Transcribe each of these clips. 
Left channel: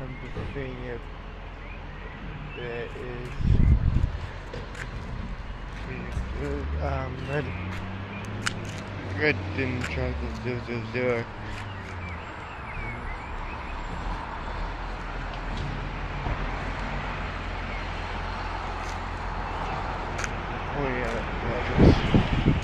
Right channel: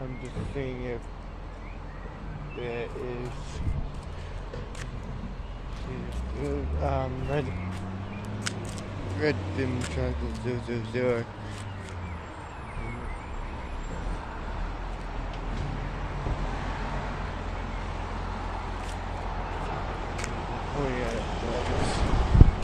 I'm just seeing if there is red dim triangle 000. Oh yeah, that's right.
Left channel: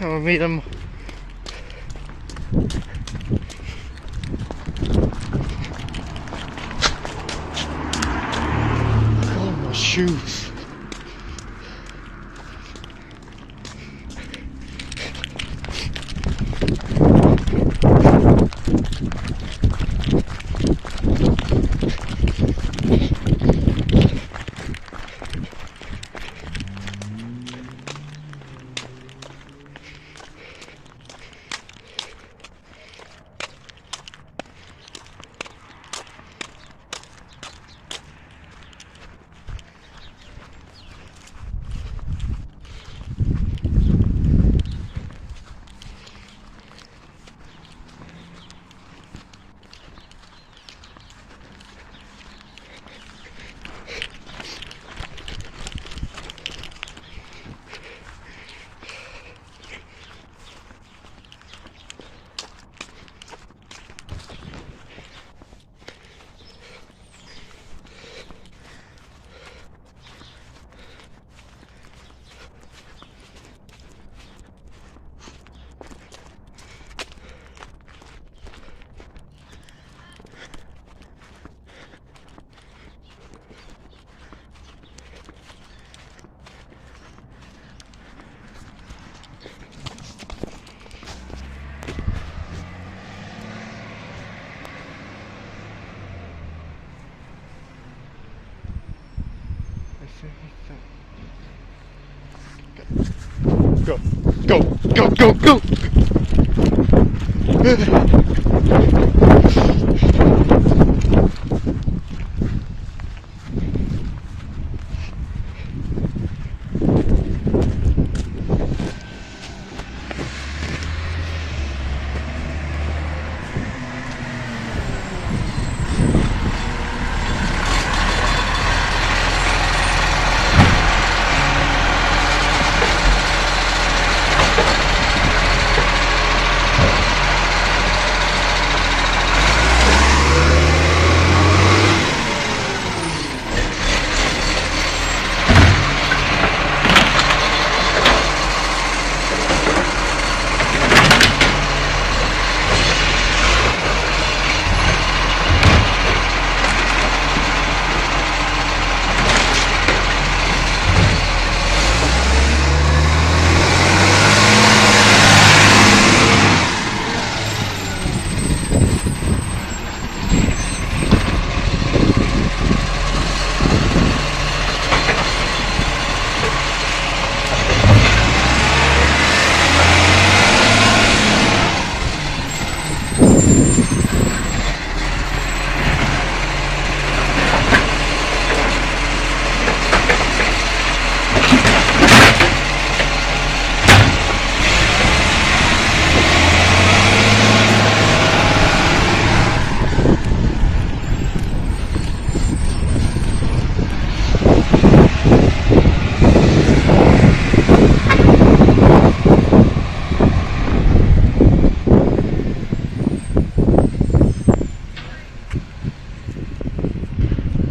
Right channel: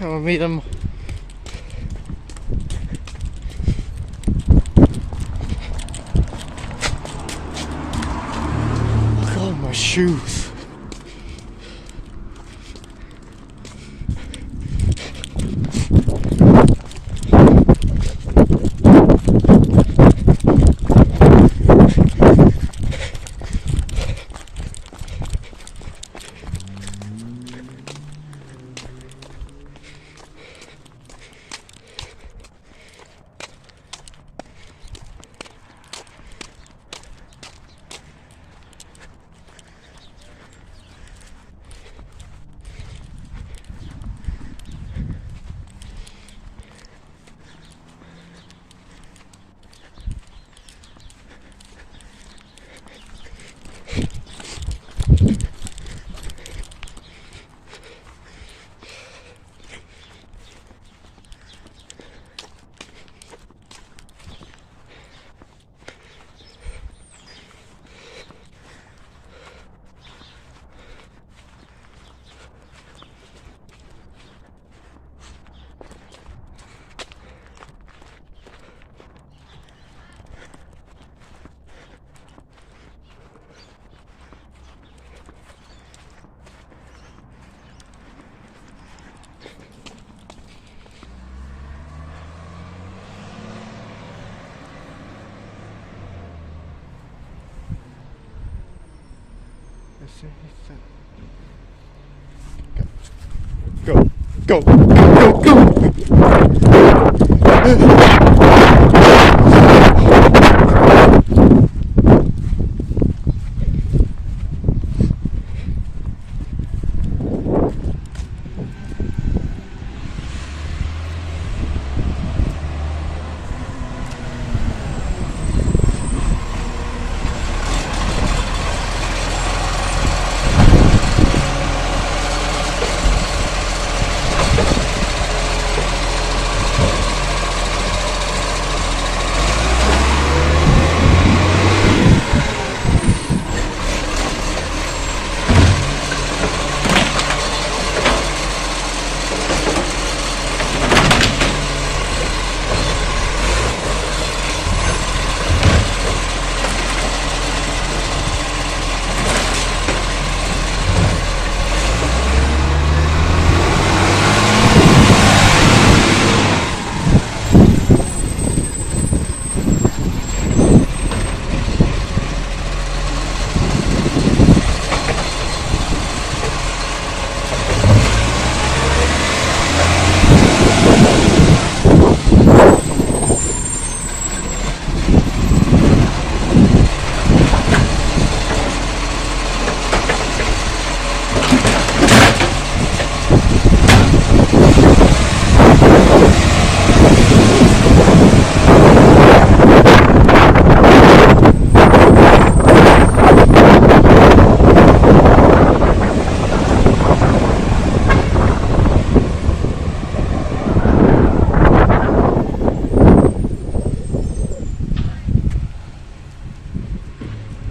I'll meet them. Oh, my shoes. Go, go, go, go, go.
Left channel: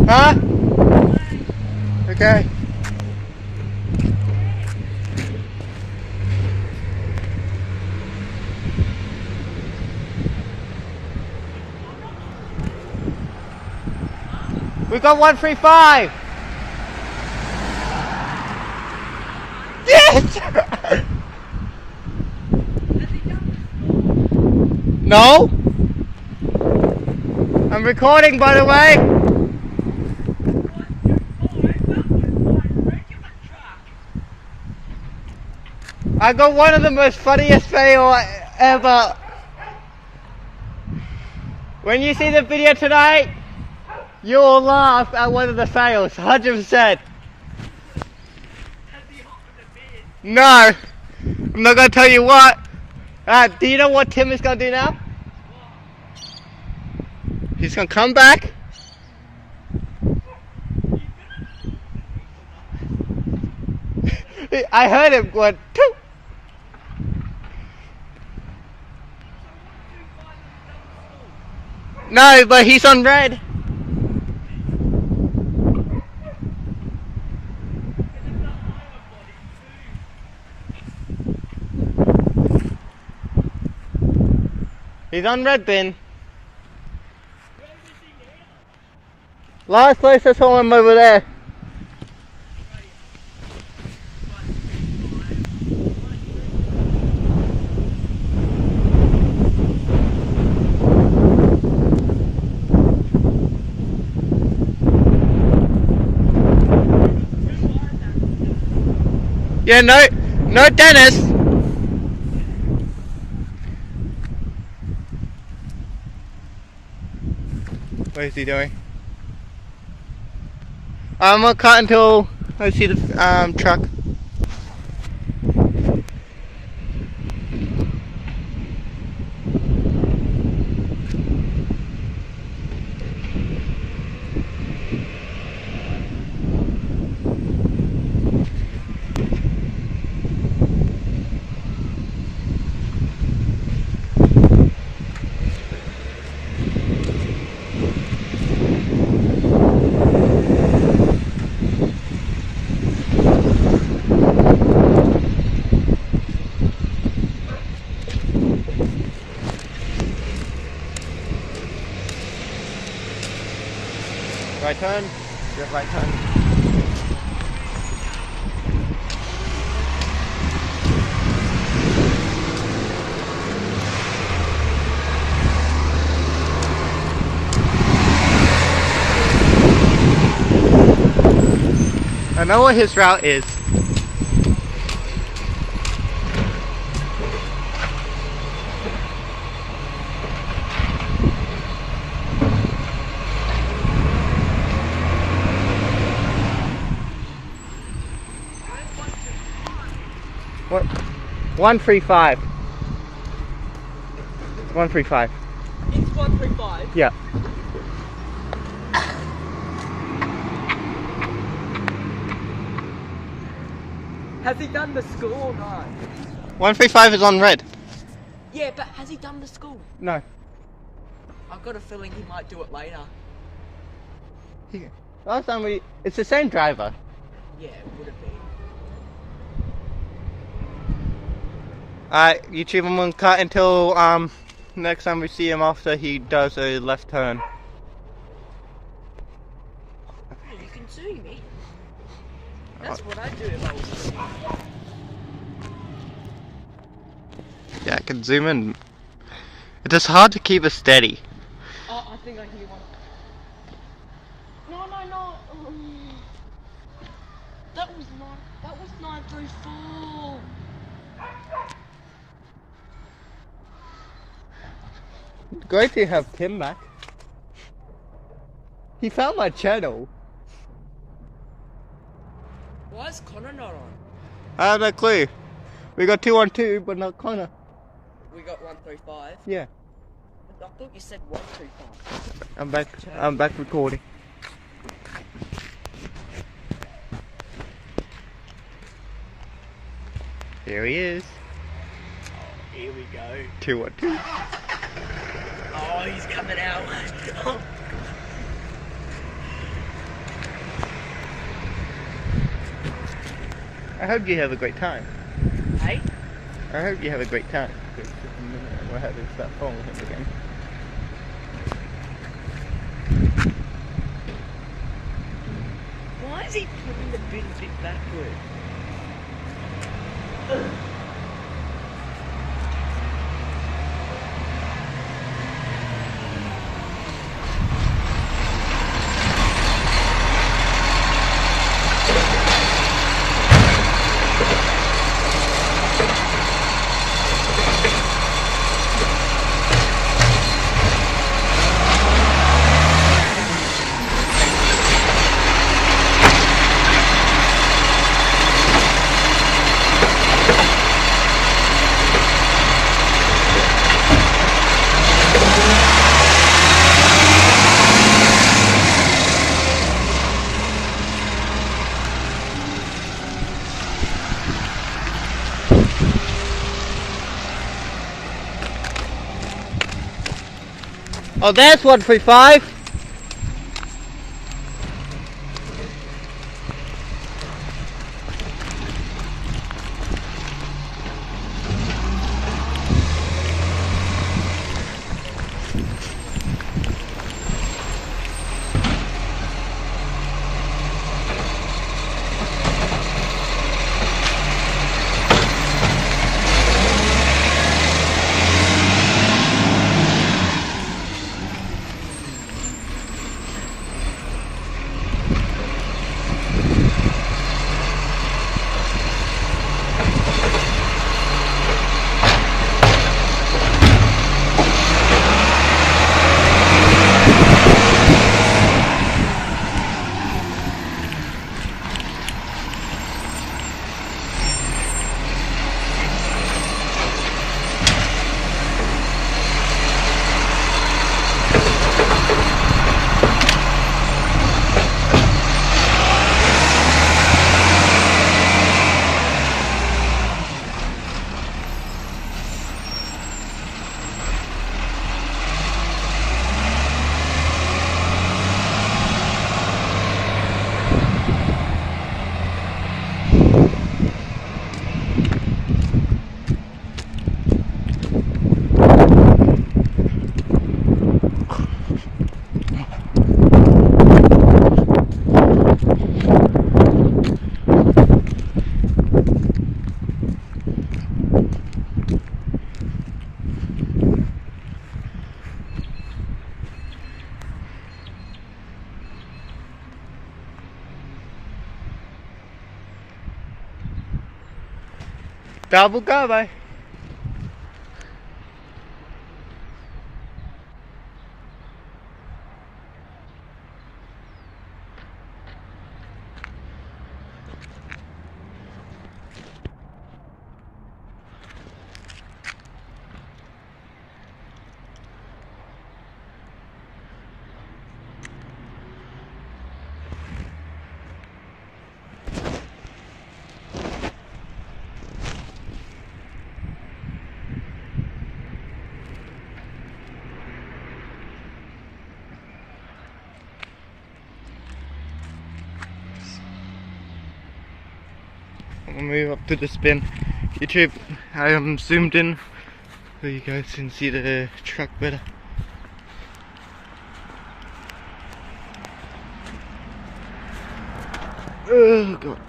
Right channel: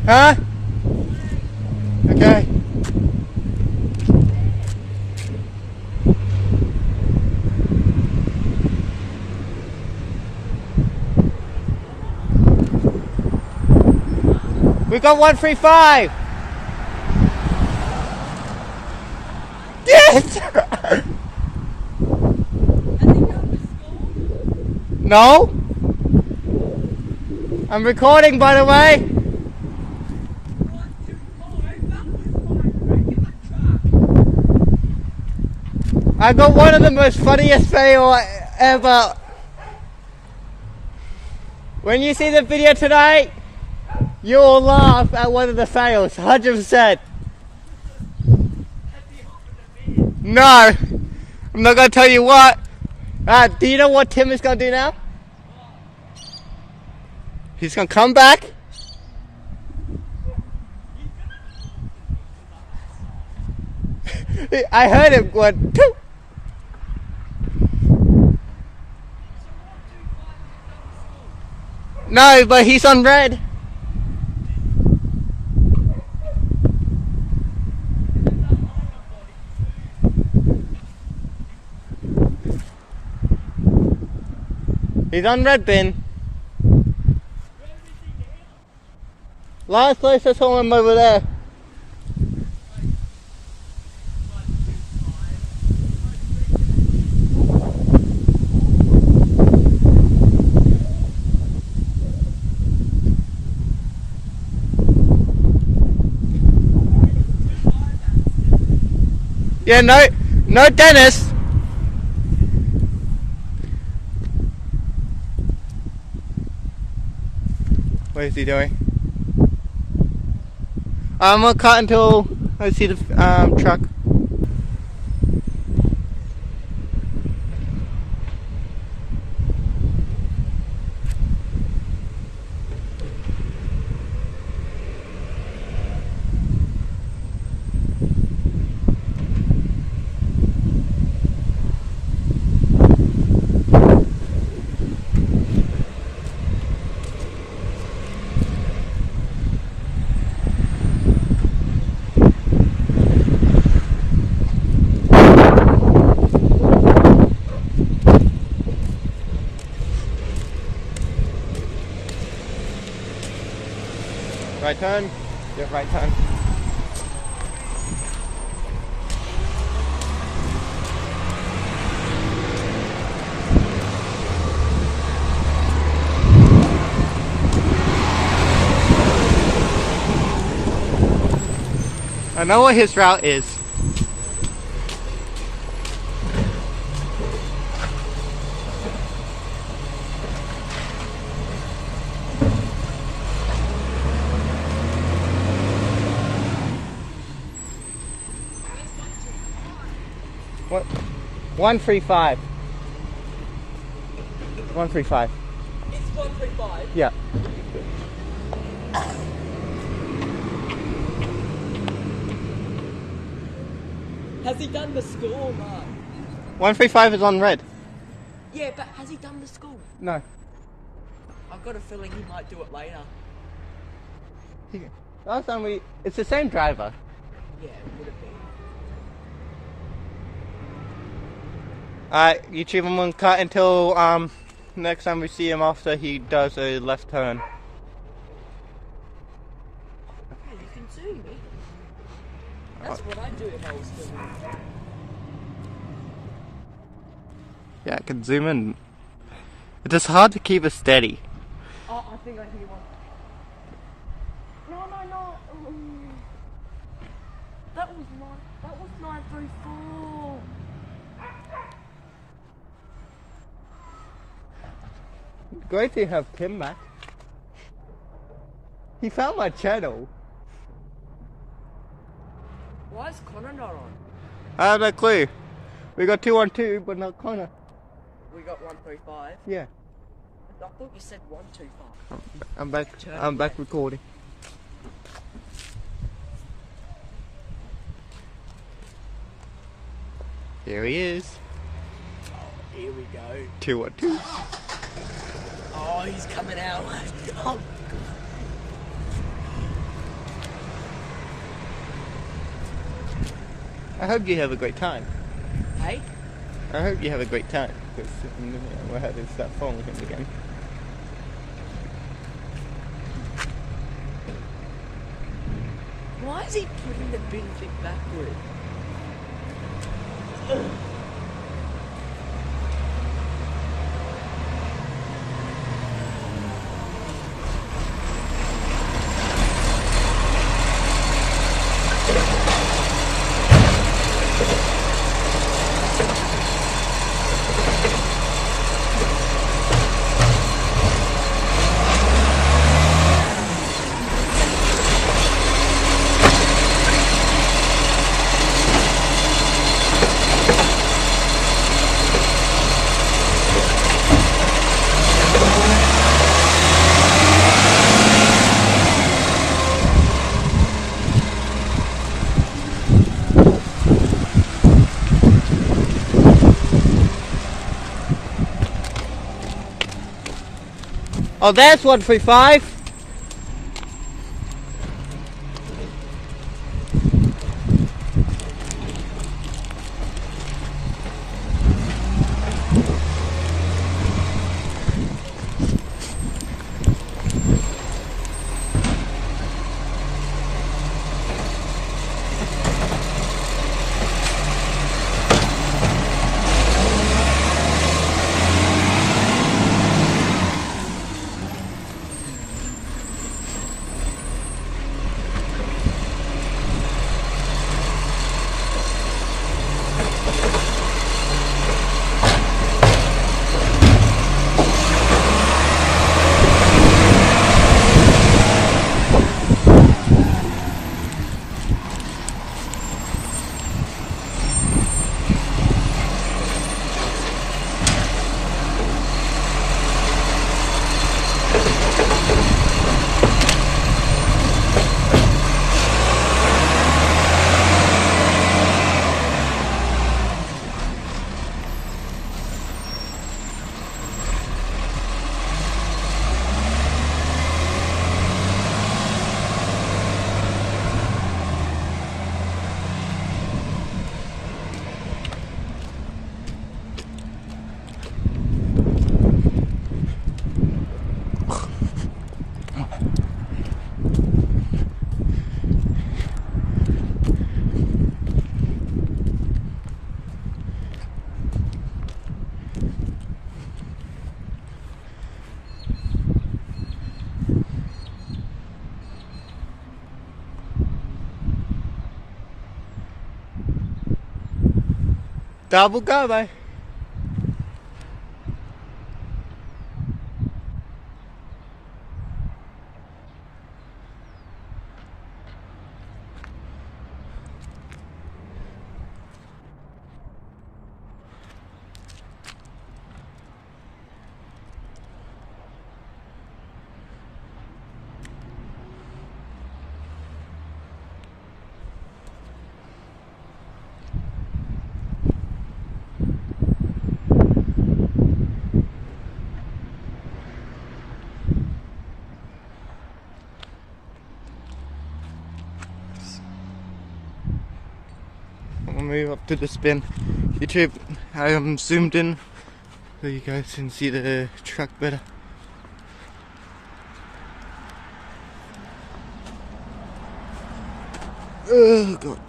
Huh? Okay. We got 135. Yes! No? I'm recording, by the way. I got one of the most funniest fail ever. When you see the video tonight, you'll laugh at one of the fails, 100%. No, I'm not gonna tell you what. Do you know what Tim is gonna do now? He's gonna come back. I heard him going, Toot. No, but he's on red. He's on red bin. Last place I saw him over there. Yeah, no Dennis. What is he doing? I'm gonna cut until I see the truck. Right turn. Yep, right turn. I know what his route is. What? 135. 135. It's 135. Yeah. Has he done the school or not? 135 is on red. Yeah, but has he done the school? No. I've got a feeling he might do it later. Last time it's the same driver. Yeah, would it be? Alright, YouTube, I'm gonna cut until next time we see him after he does a left turn. Yeah, you can see me. That's what I'd do if I was doing it. Yeah, I can zoom in. It is hard to keep it steady. Oh, I think I hear one. No. That was 934. Great to have Tim back. He found my channel. Why is Connor not on? I have no clue. We got 212, but not Connor. We got 135. Yeah. I thought you said 125. I'm back. I'm back recording. Here he is. Here we go. 212. Oh, he's coming out. I hope you have a great time. Hey? I hope you have a great time. Because in a minute we'll have to start following him again. Why is he putting the big backward? Oh, that's 135. Tao buka bay. I'm gonna move up to the spin. YouTube, I am zoomed in so you guys can see the truck better. Oh god,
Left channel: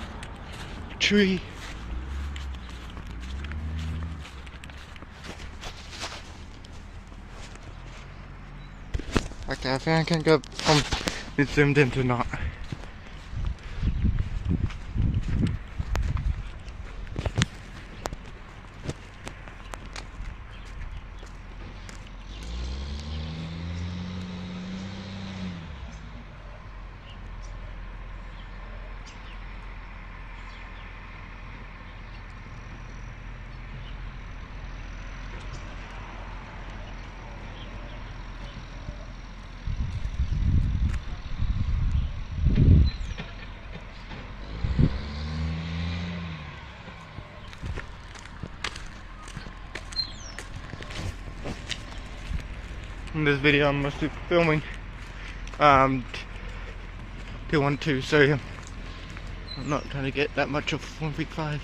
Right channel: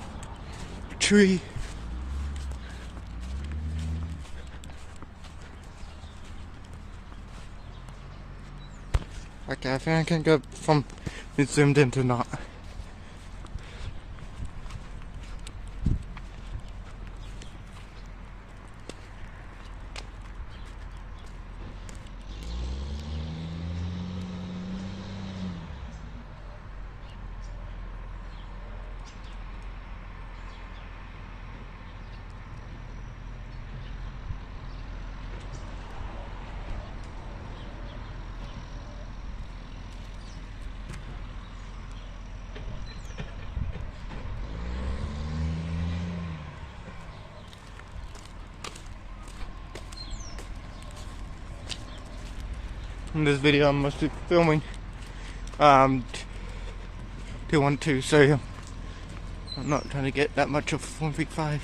tree. Okay, I think I can go from it's zoomed in to not. In this video I'm mostly filming 212, so I'm not trying to get that much of 1.5.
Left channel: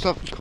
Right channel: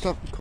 Stop.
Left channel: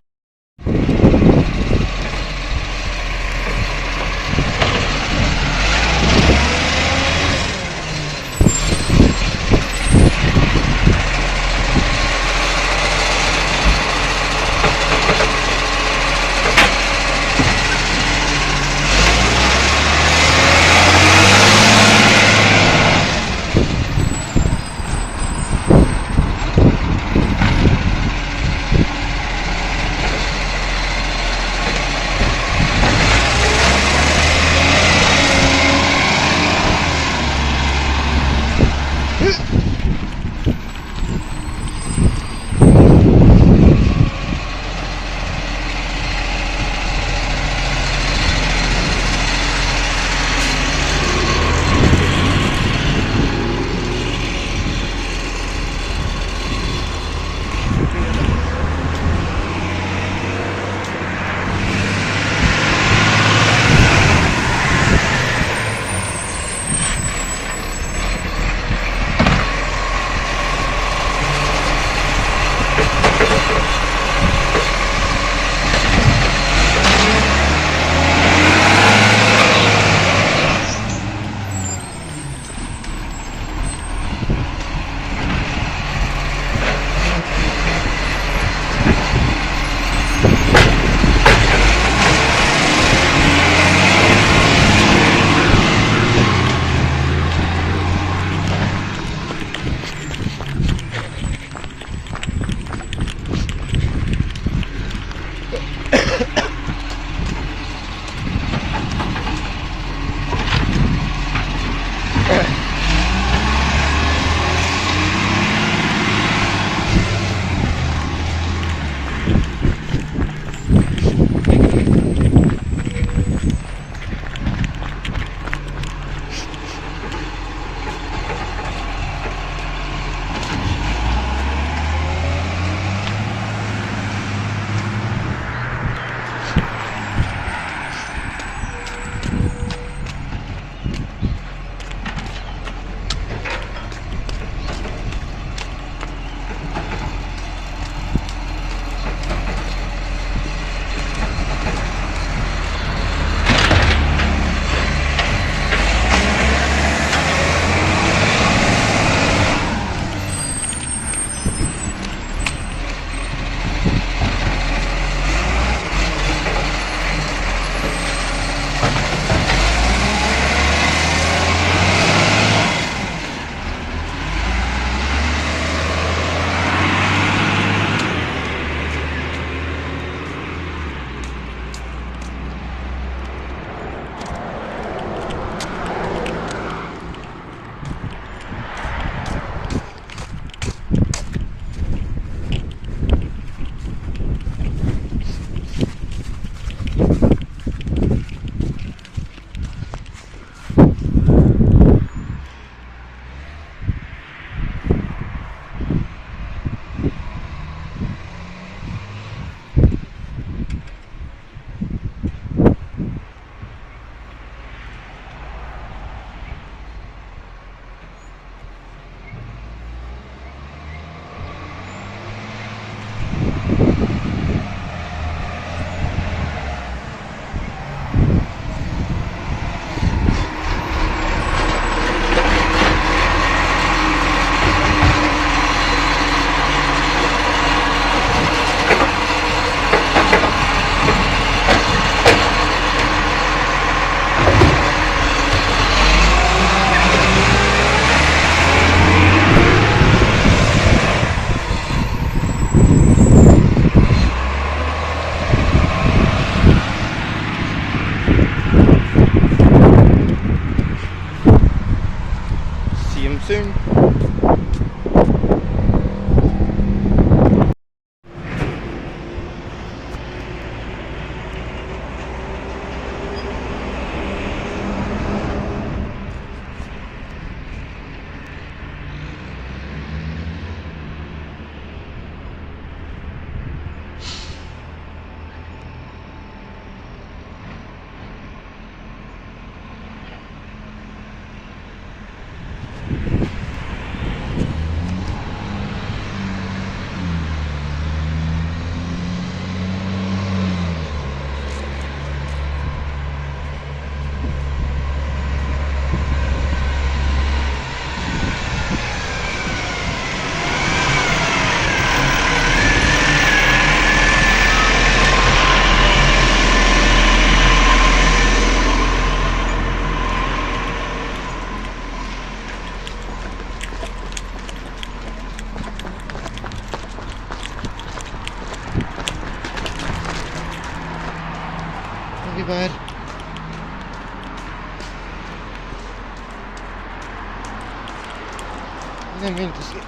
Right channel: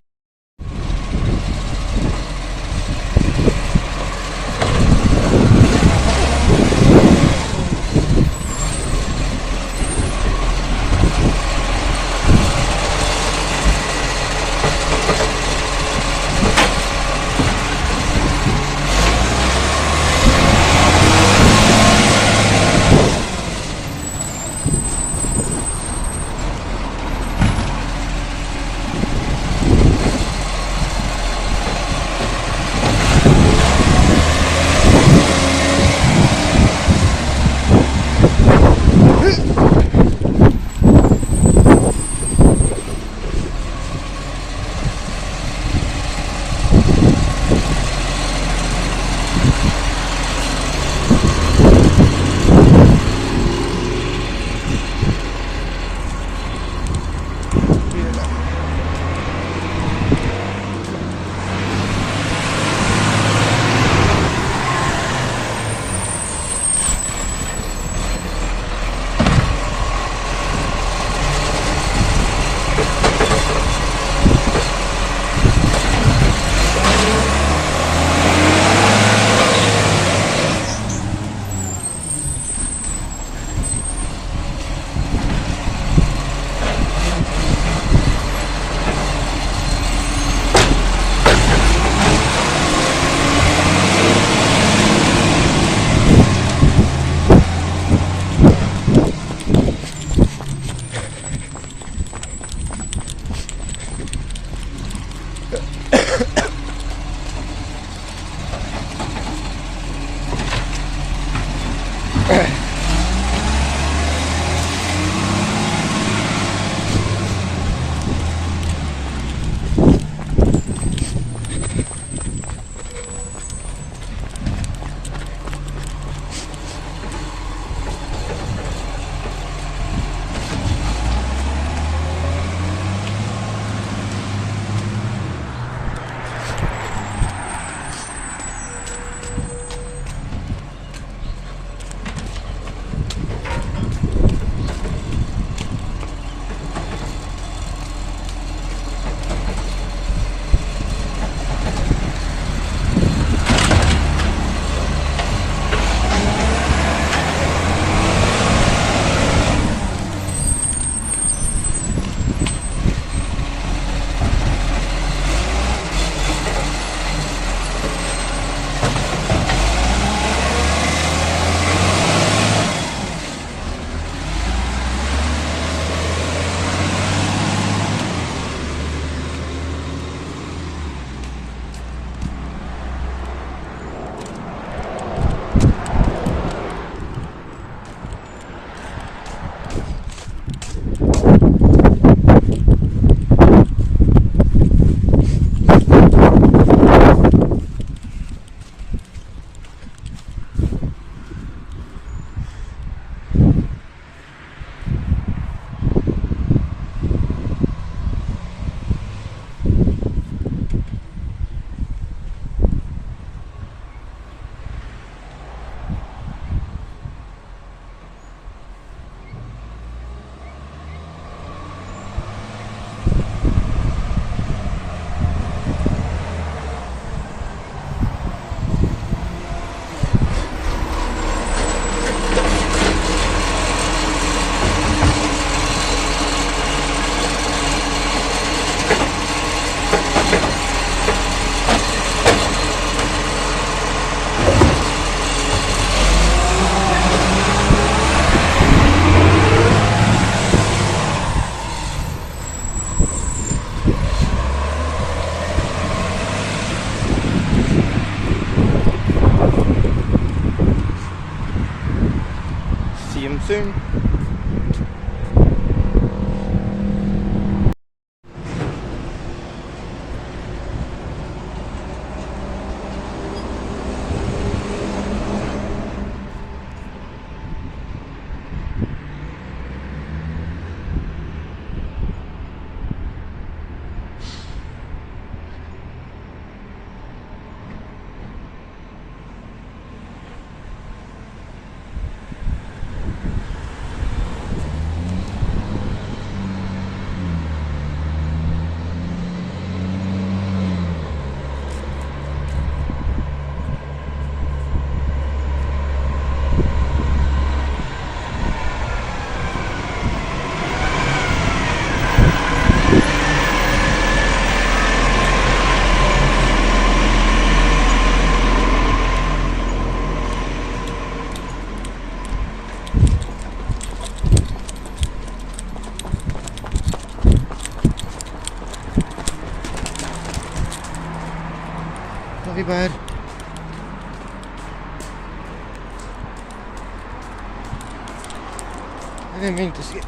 soon. Hey, bud. I didn't mean to sleep.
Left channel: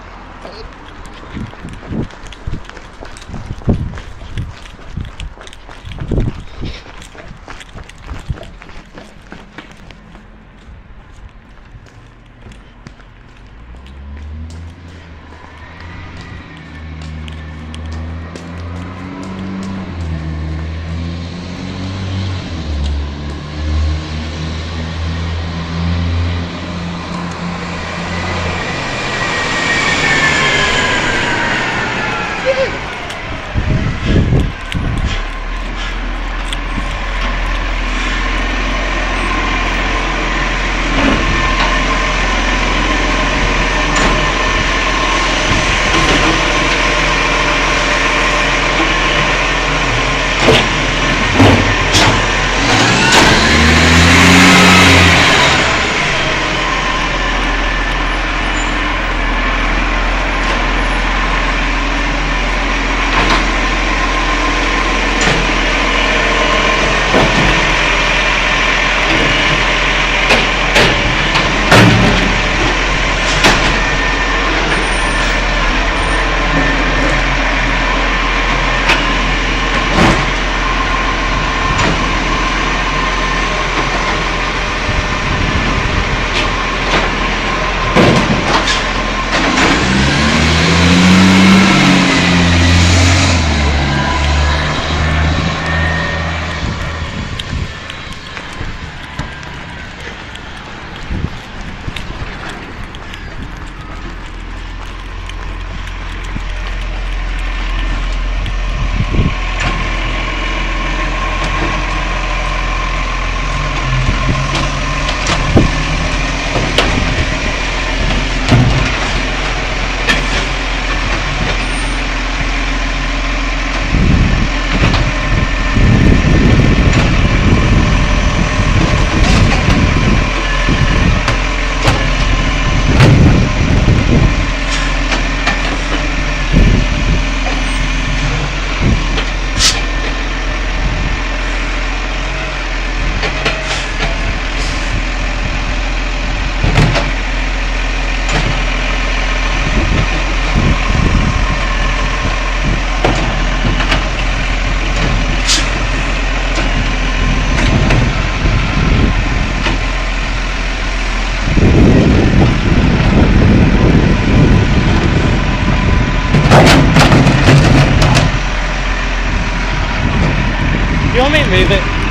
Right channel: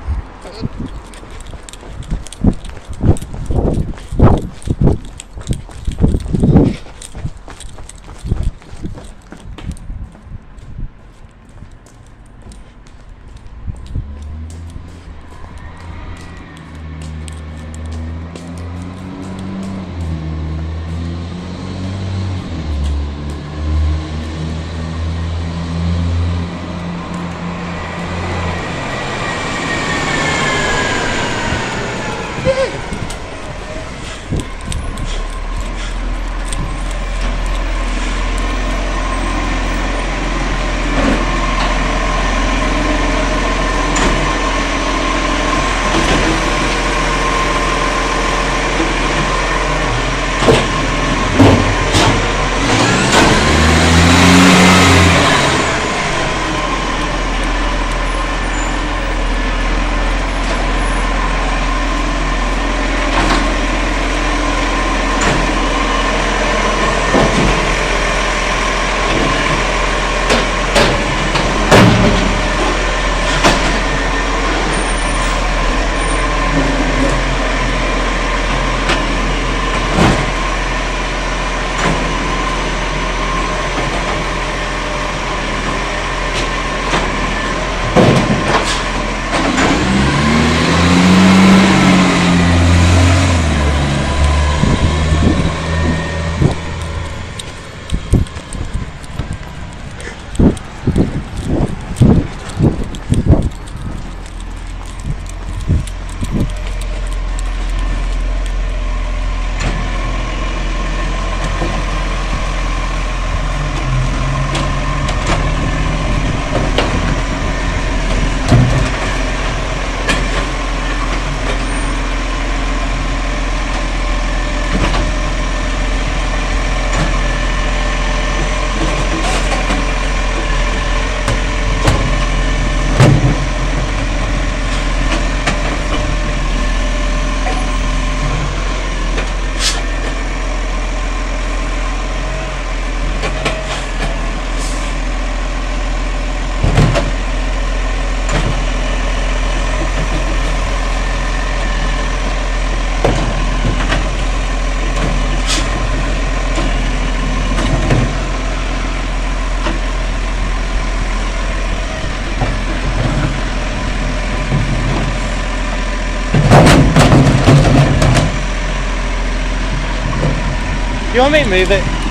You want me to move it?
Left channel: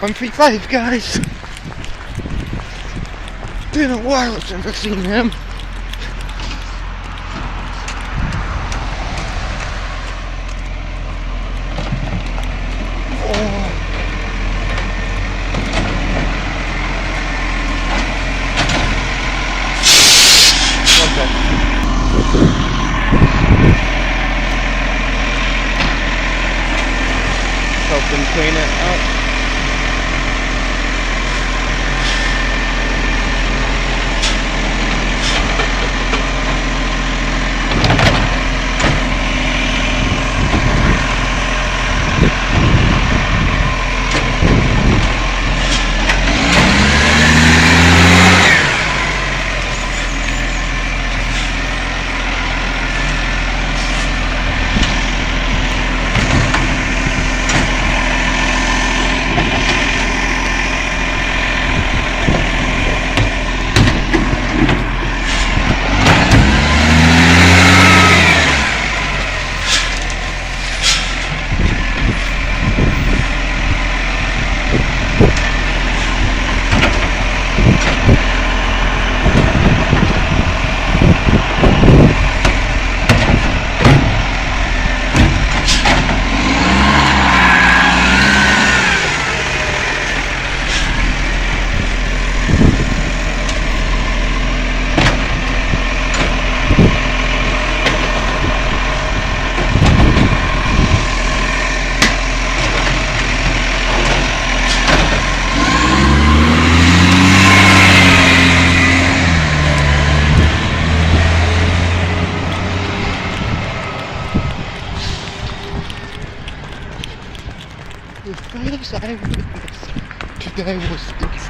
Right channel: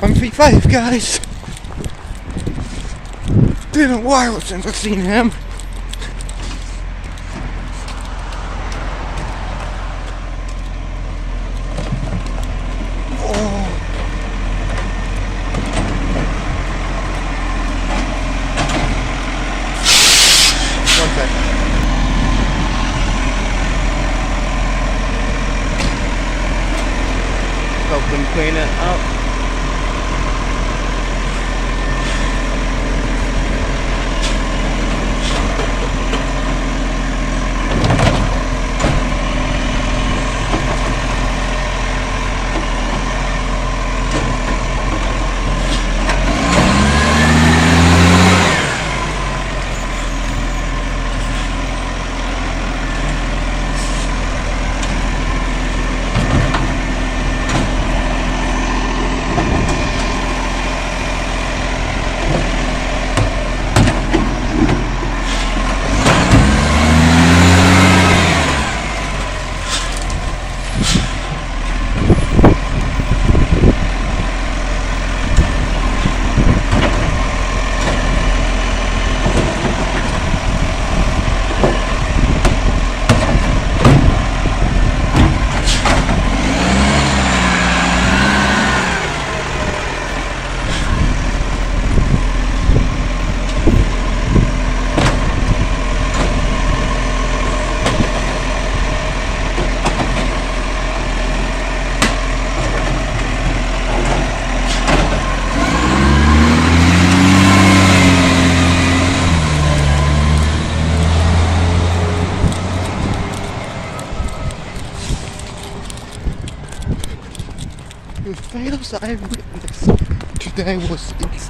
135, guys. Been a while since I've seen him. One sec. Help them clean it up. The first I witnessed today was this.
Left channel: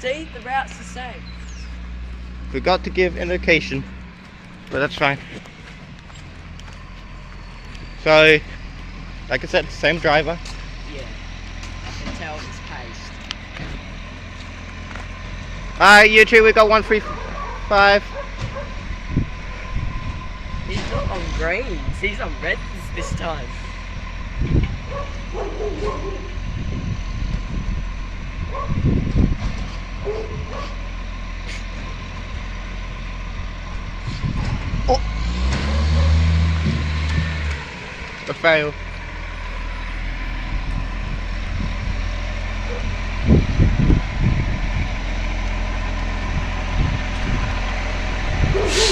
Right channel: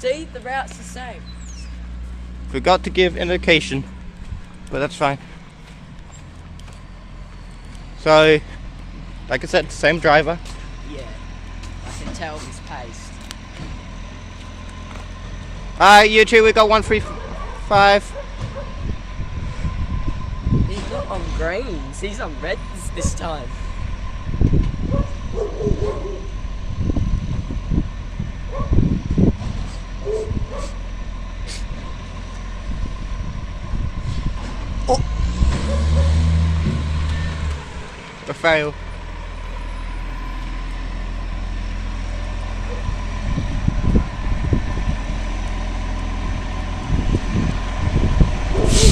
See, the route's the same. Forgot to give indication, but that's fine. So, like I said, same driver. Yeah. You can tell it's paced. Alright, you two, we got 135. He's not on greens, he's on reds this time. Oh. A fail.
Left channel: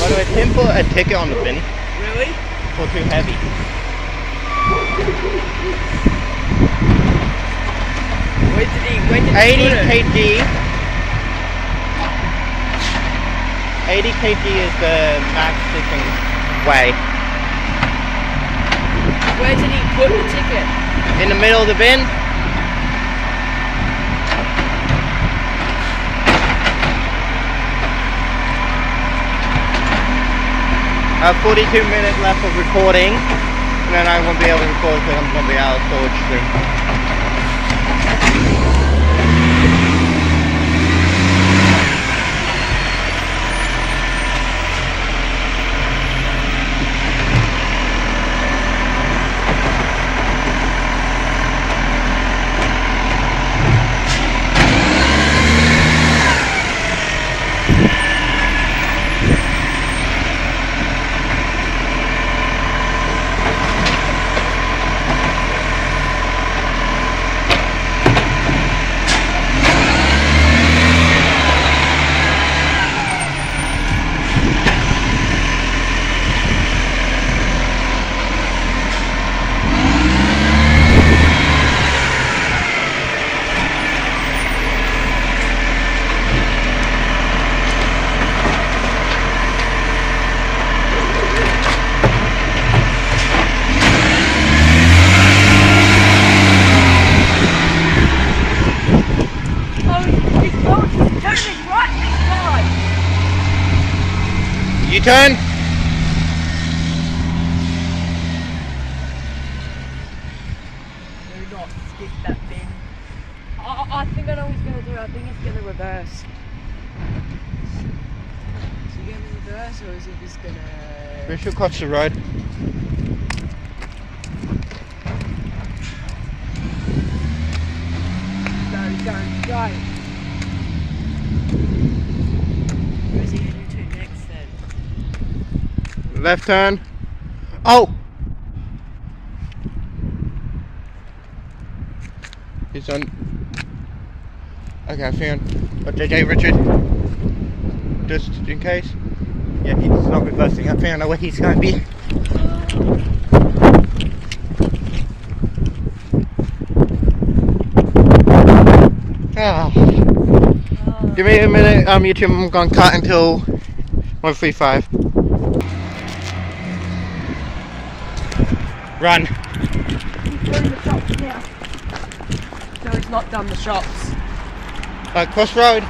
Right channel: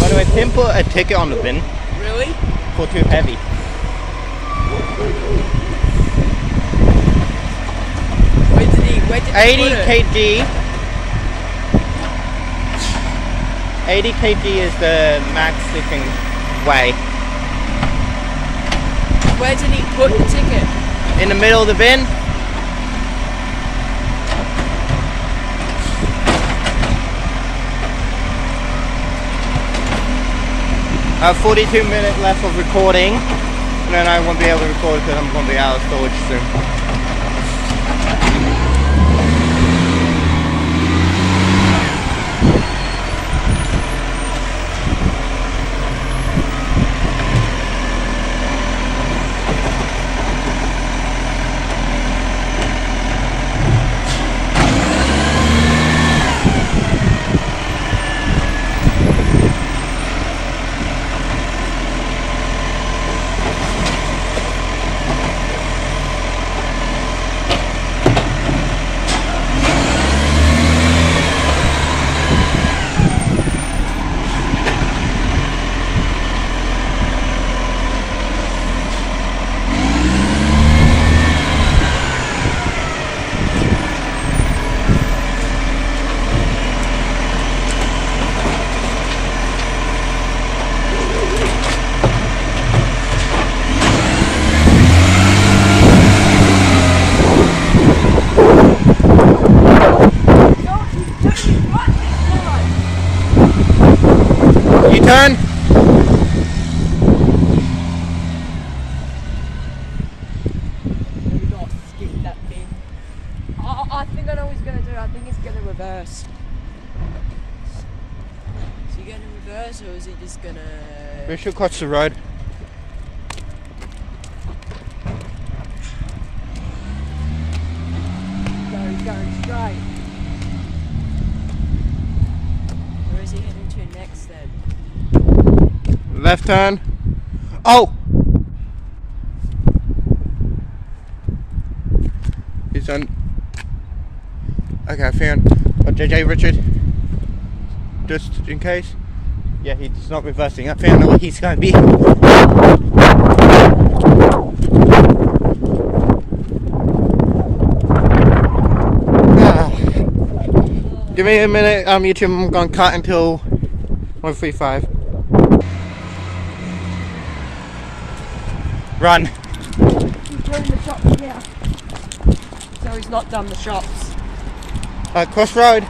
By the way, Tim put a ticket on the bin Really? for too heavy. Where did he 80 put it? kg. 80 kg is the max it can weigh. Where did he put the ticket? In the middle of the bin. 42 minutes left of recording, and then I won't be able to record because I'm going to be out of storage soon. You turn. Maybe not skip that bin. I think I know what he's gonna do. I think he's gonna reverse. Is he gonna reverse or is he just gonna? We should cross the road. No, he's going straight. Where is he heading to next then? Left turn. Oh! He's on. Okay, I found. Oh, JJ Richard. Just in case. Yeah, he's not reversing. I found where he's going to be. Ah. Give me a minute, YouTube, I'm going to cut until 135. Run. He's doing the shops now. So he's not done the shops. Alright, cross road.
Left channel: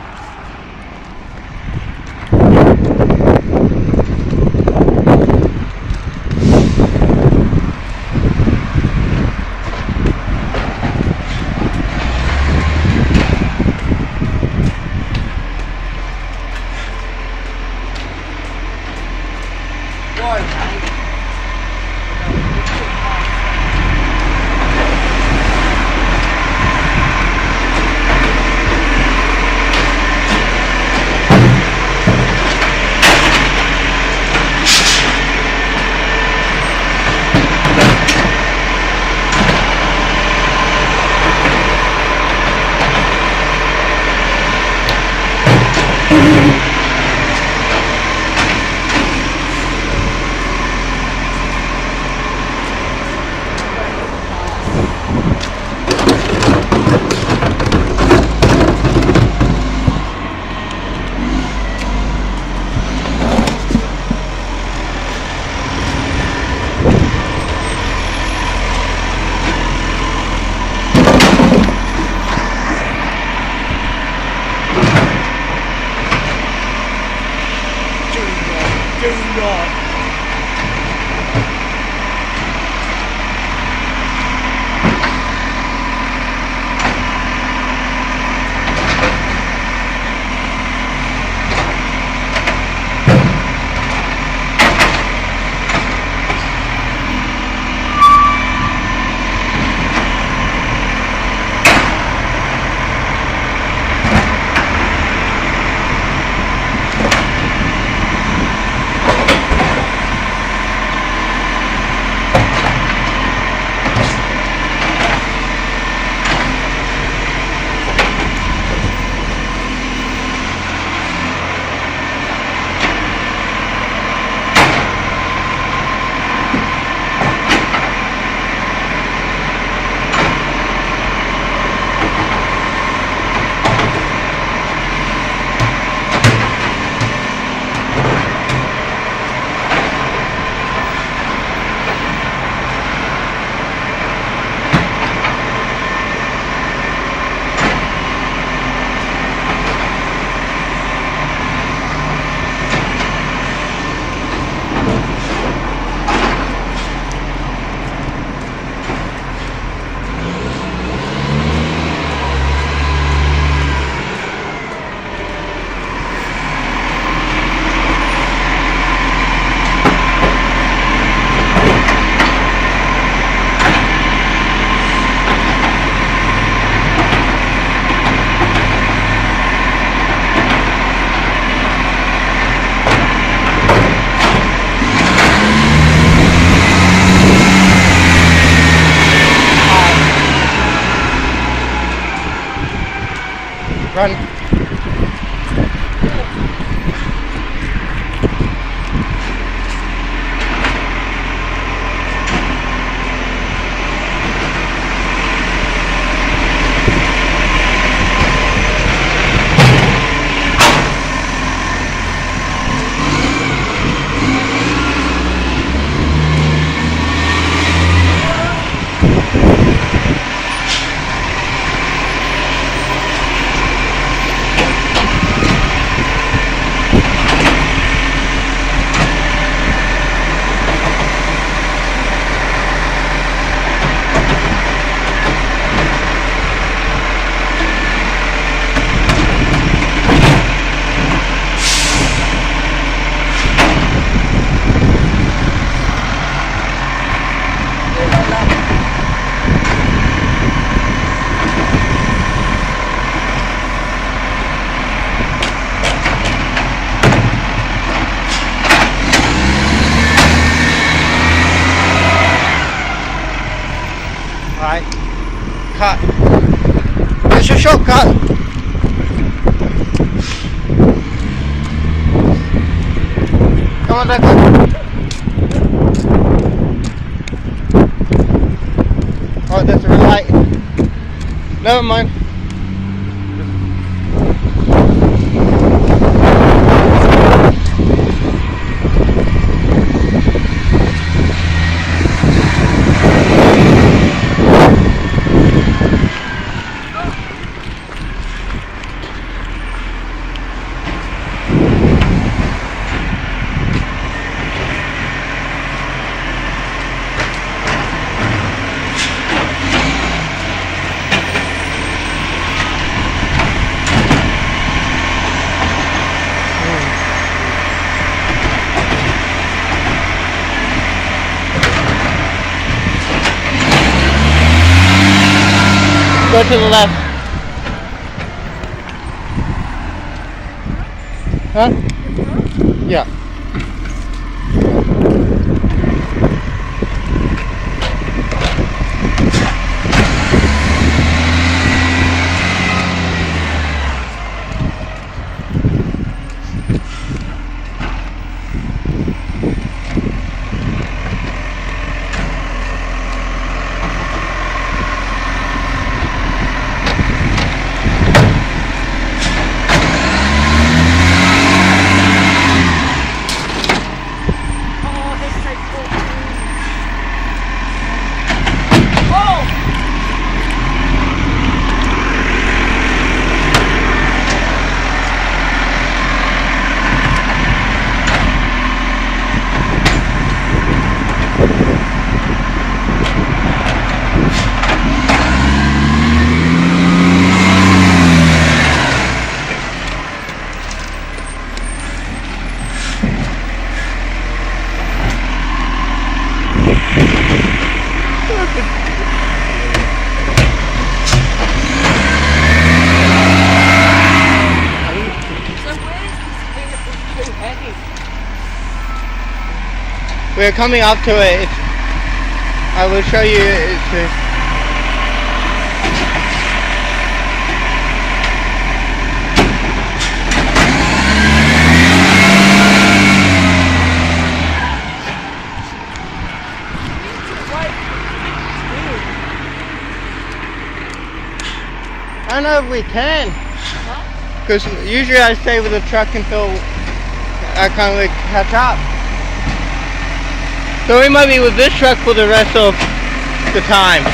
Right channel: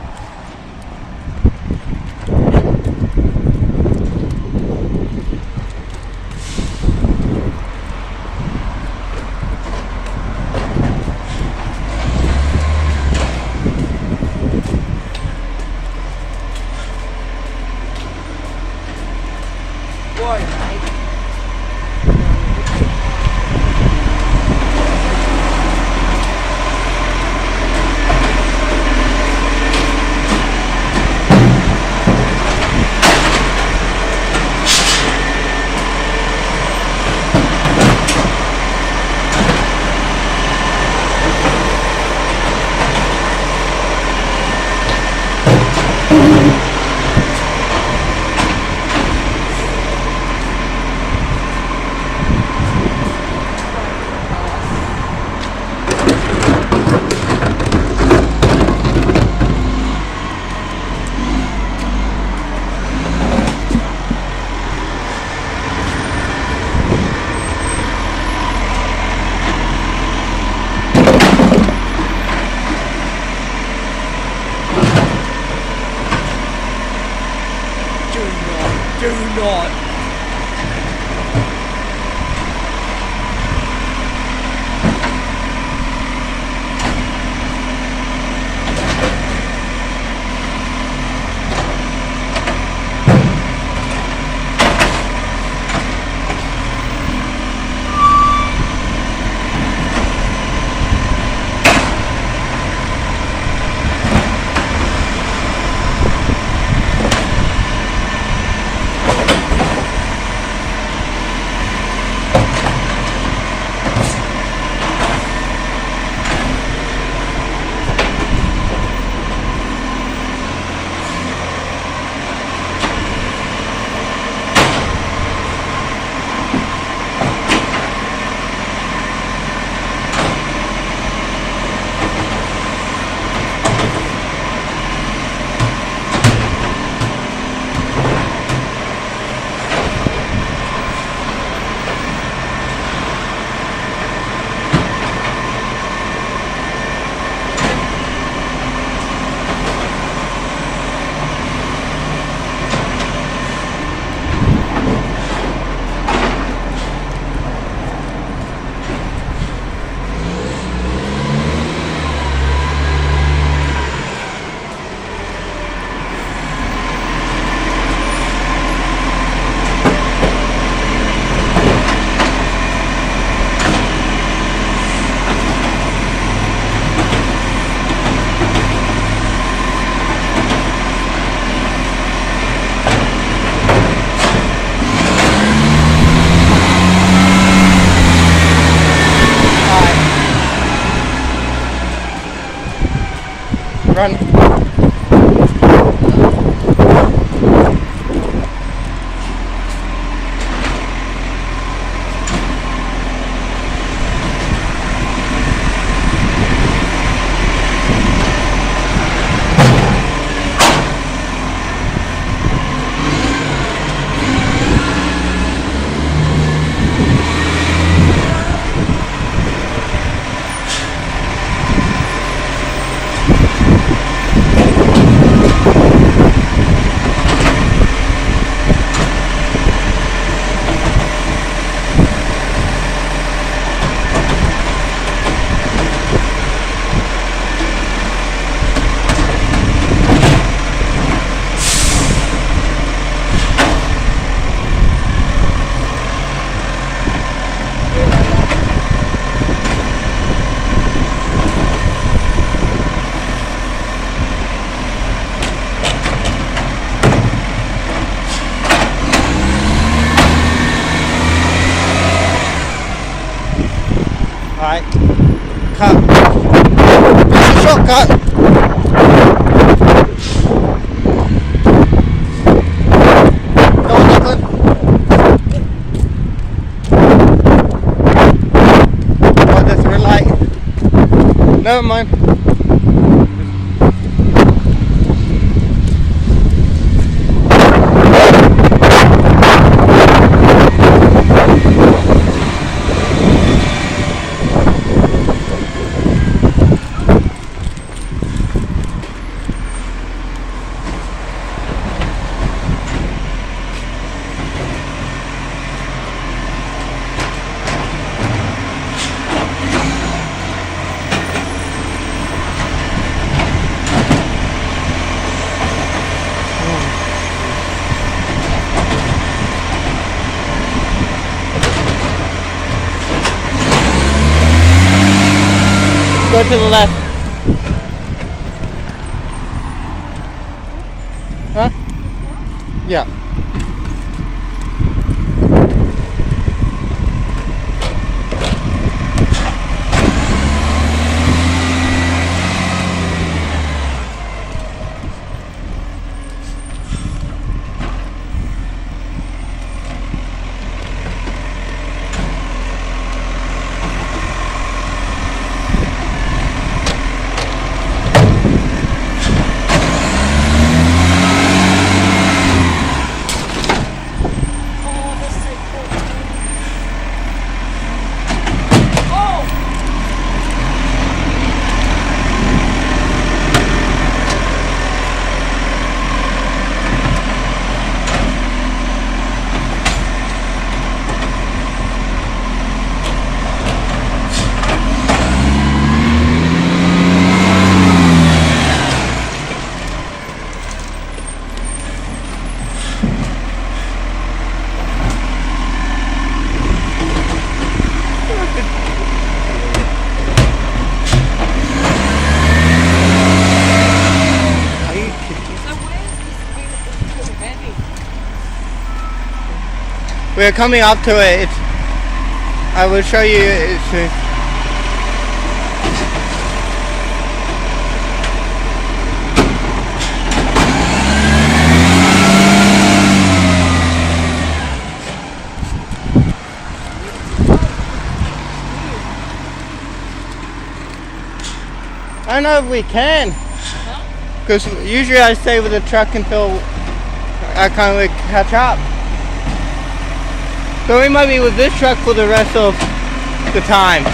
Right. Cut. It's a shortcut. Go on, Evan. Oh, there's a light. Never mind. Go to the left. Huh? Yeah. Oh, this is so cool. We're coming up to it. I will show you. I don't know if we can. Because usually I stay with the truck until I kind of catch up. So we might be with this truck for the rest of the time.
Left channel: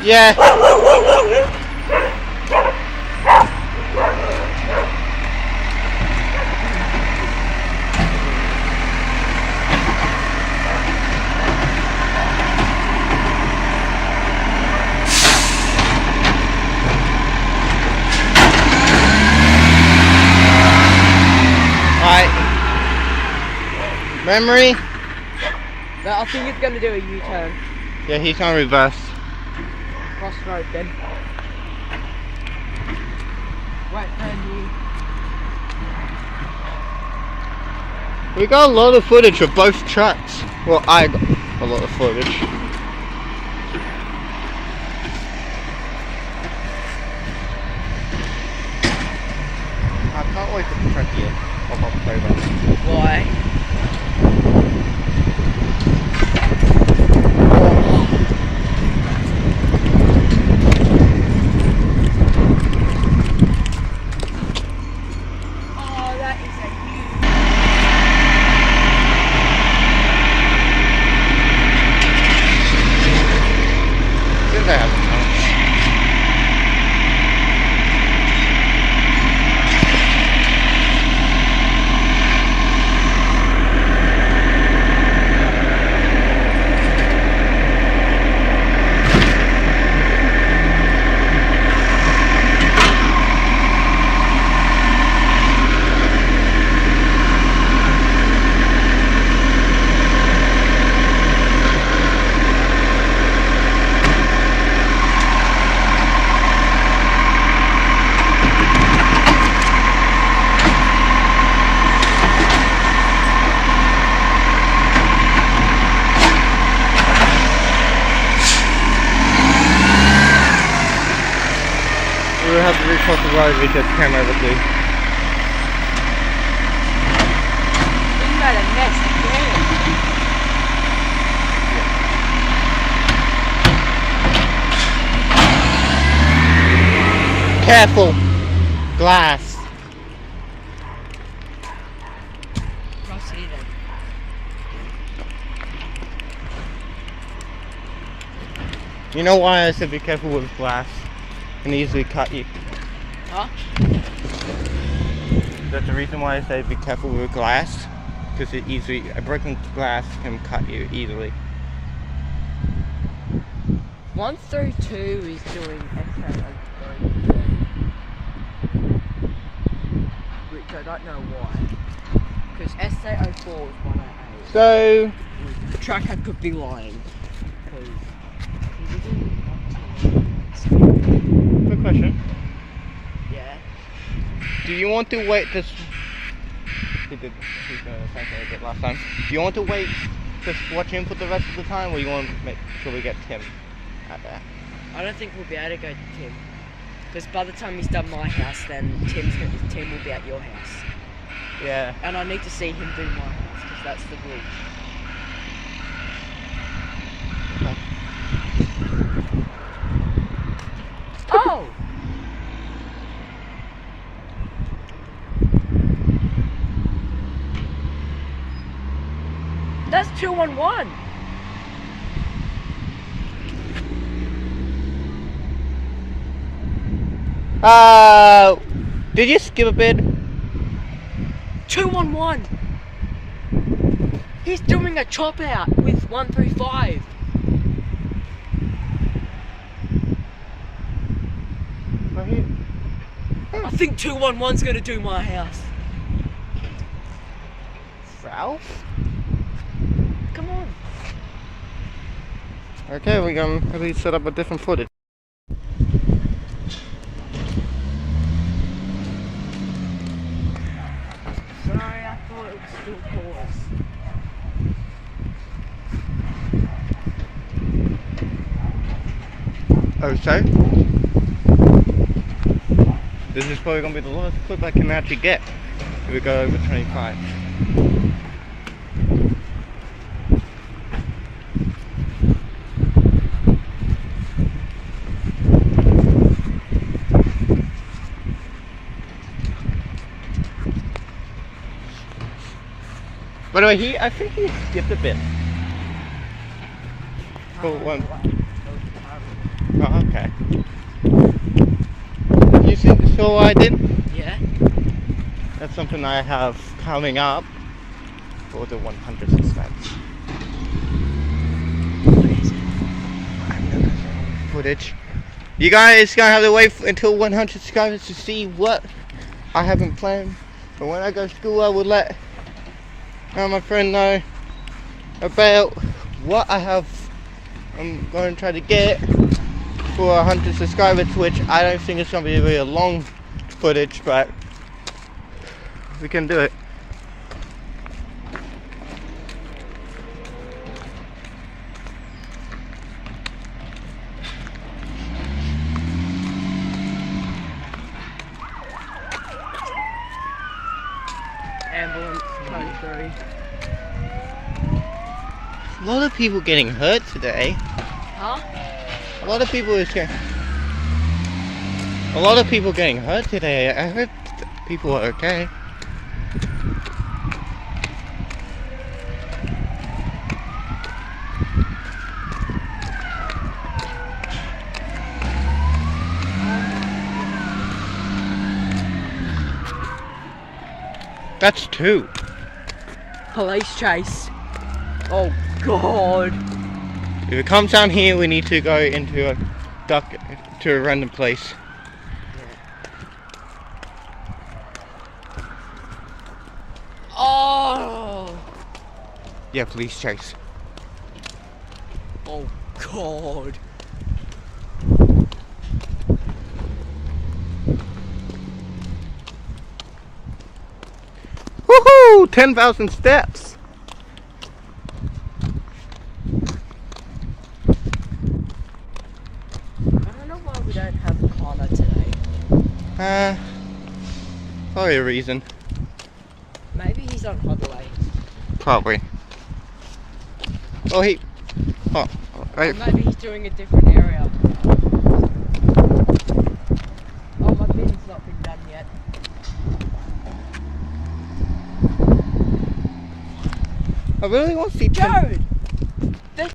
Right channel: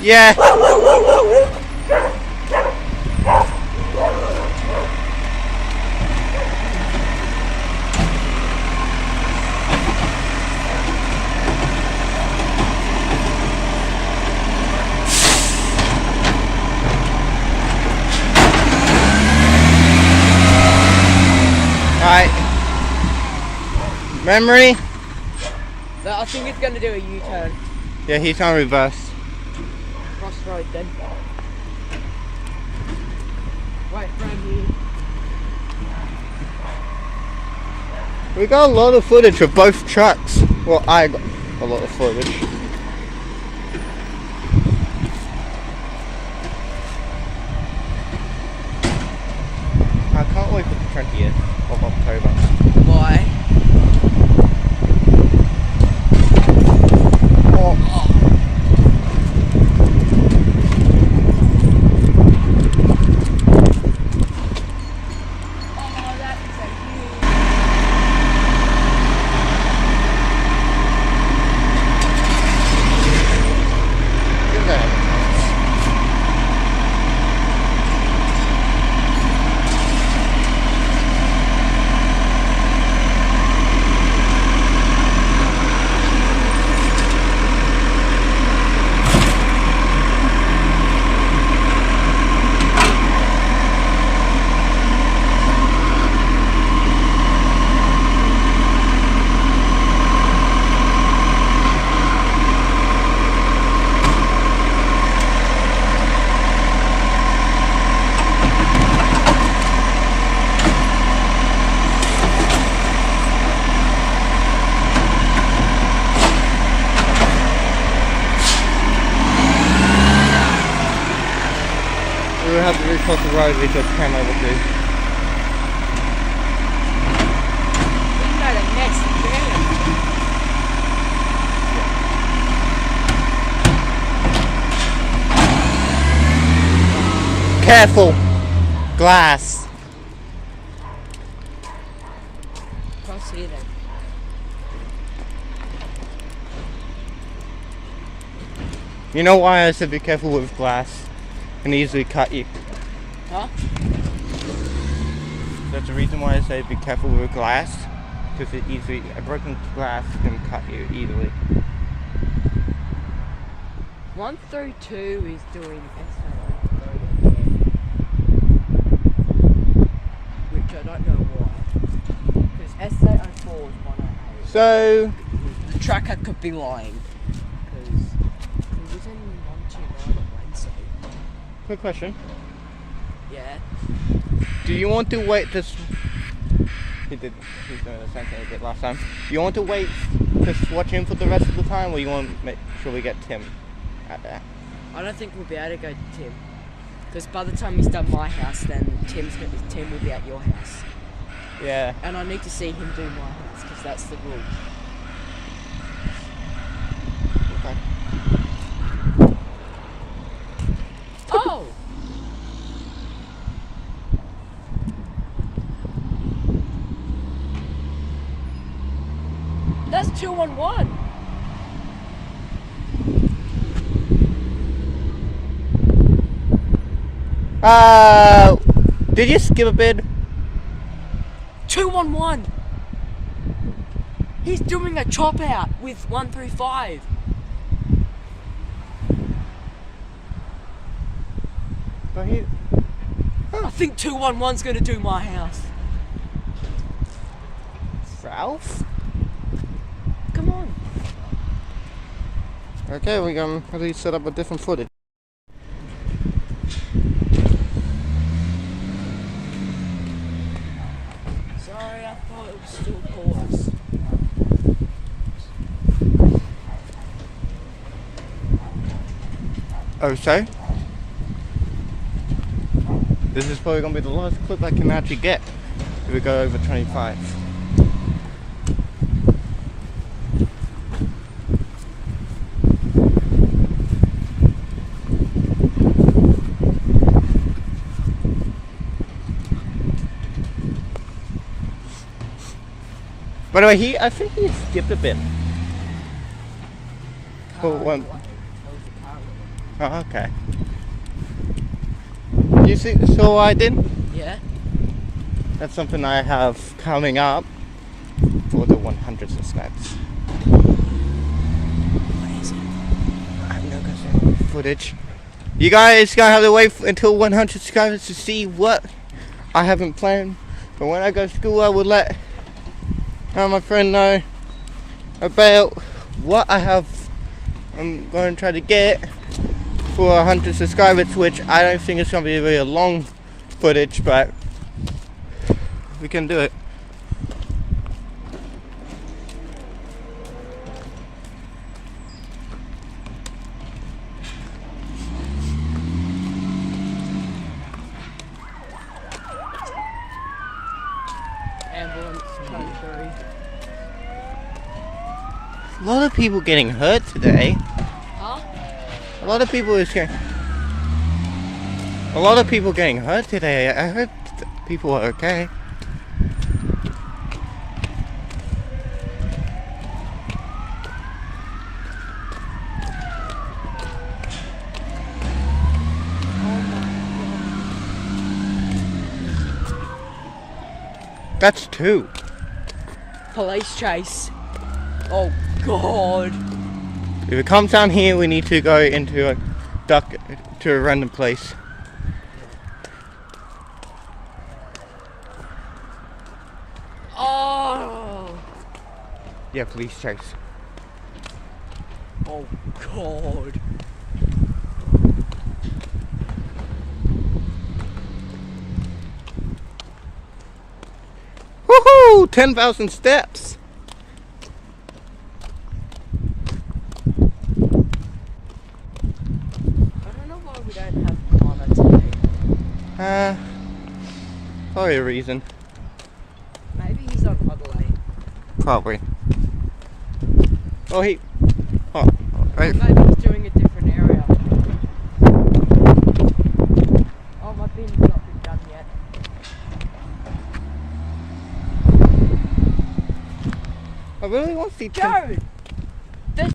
Yeah. Alright. Memory? I think it's going to do a U-turn. Yeah, he's on reverse. Cross road then. Right, friend. We got a lot of footage of both trucks. Well, I got a lot of footage. I can't wait for the 20th of October. Why? across the road, we just came over to. You made a mess again. Careful! Glass. Cross here then. You know why I said be careful with glass? It can easily cut you. Huh? That's the reason why I say be careful with glass. Because a broken glass can cut you easily. 132 is doing SA03. Which I don't know why. Because SA04 is 108. So, The tracker could be lying. Because he was in 121. quick question. Yeah. Do you want to wait this? He's the same thing I did last time. Do you want to wait to watch him for the rest of the time, or you want to make sure we get Tim out there? I don't think we'll be able to go to Tim. Because by the time he's done my house, then Tim will be at your house. Yeah. And I need to see him do my house, because that's the rule. Okay. Oh! That's 211. Did you skip a bit? 211. He's doing a chop out with 135. I think 211's gonna do my house. Ralph? Come on. Okay, we're gonna really set up a different footage. Sorry, I thought it was still pause. Oh, so? This is probably gonna be the last clip I can actually get if we go over 25. By the way, I think he skipped a bit. For one. Oh, okay. You think so? I did? Yeah. That's something I have coming up for the 100 subscribers. Footage. You guys gonna have to wait until 100 subscribers to see what I haven't planned. But when I go to school, I will let my friend know about what I have. I'm going to try to get for 100 subscribers, which I don't think it's going to be a very long footage, but we can do it. Ambulance coming through. A lot of people getting hurt today. Huh? A lot of people getting hurt today. I heard people are okay. That's two. Police chase. Oh God. If it comes down here, we need to go into a random place. Oh. Yeah, police chase. Oh God. Woohoo! 10,000 steps. I don't know why we don't have a plumber today. Probably a reason. Maybe he's on holiday. Probably. Oh, right. Maybe he's doing a different area. Oh, my bin's not been done yet. I really want to see Tim. Jared!